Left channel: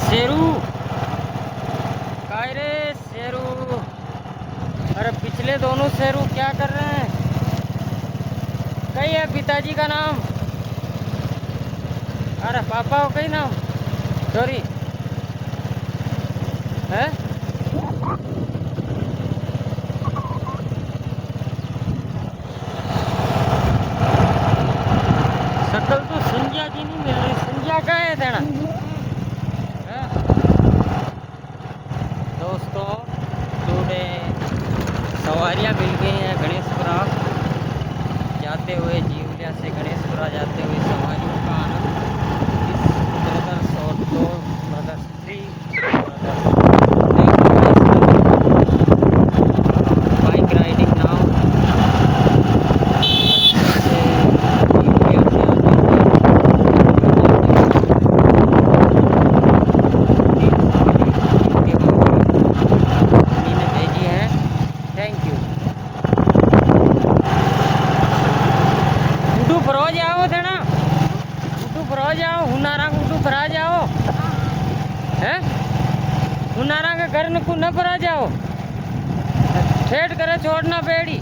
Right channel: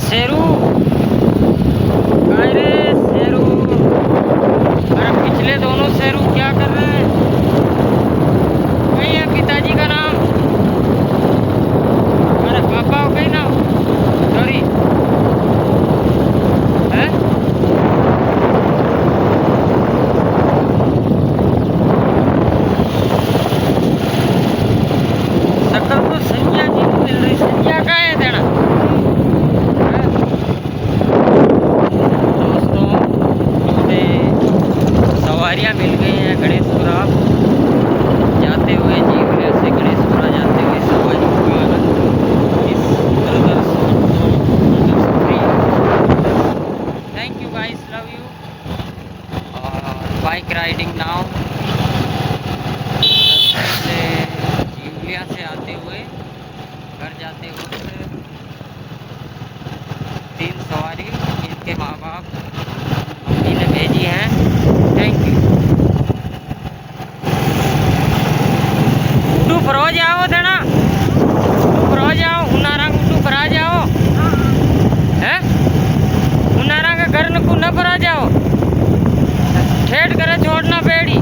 शेरू, काय रे शेरू। अरे पिछले दोनों शेरू क्या कर रहे हैं? वही है पिताजी का नाम। अरे पापा हो गई ना, सॉरी है। शक्ल तो संज्ञा की नहीं मिल रही। संज्ञा का है देना है? दोस्तों थोड़े सवारियाँ मिल गई हैं गणेशपुरा जाते हुए, जीवनगर से गणेशपुरा जाते हुए सवारी का आनंद इस ब्रदर शॉट को thank you guys, love you. Bike riding now से इंडिया से आते हुए घर जाते हुए तीन सवारी इनके माँ बाप इन्हें भेजी है। Thank you. उडू फरो जाओ देना, उडू फरो जाओ, हुनारंग उडू फरा जाओ है। हुनारंग घर न को न फरा जाओ, ठेठ करे छोड़ना पेड़ी।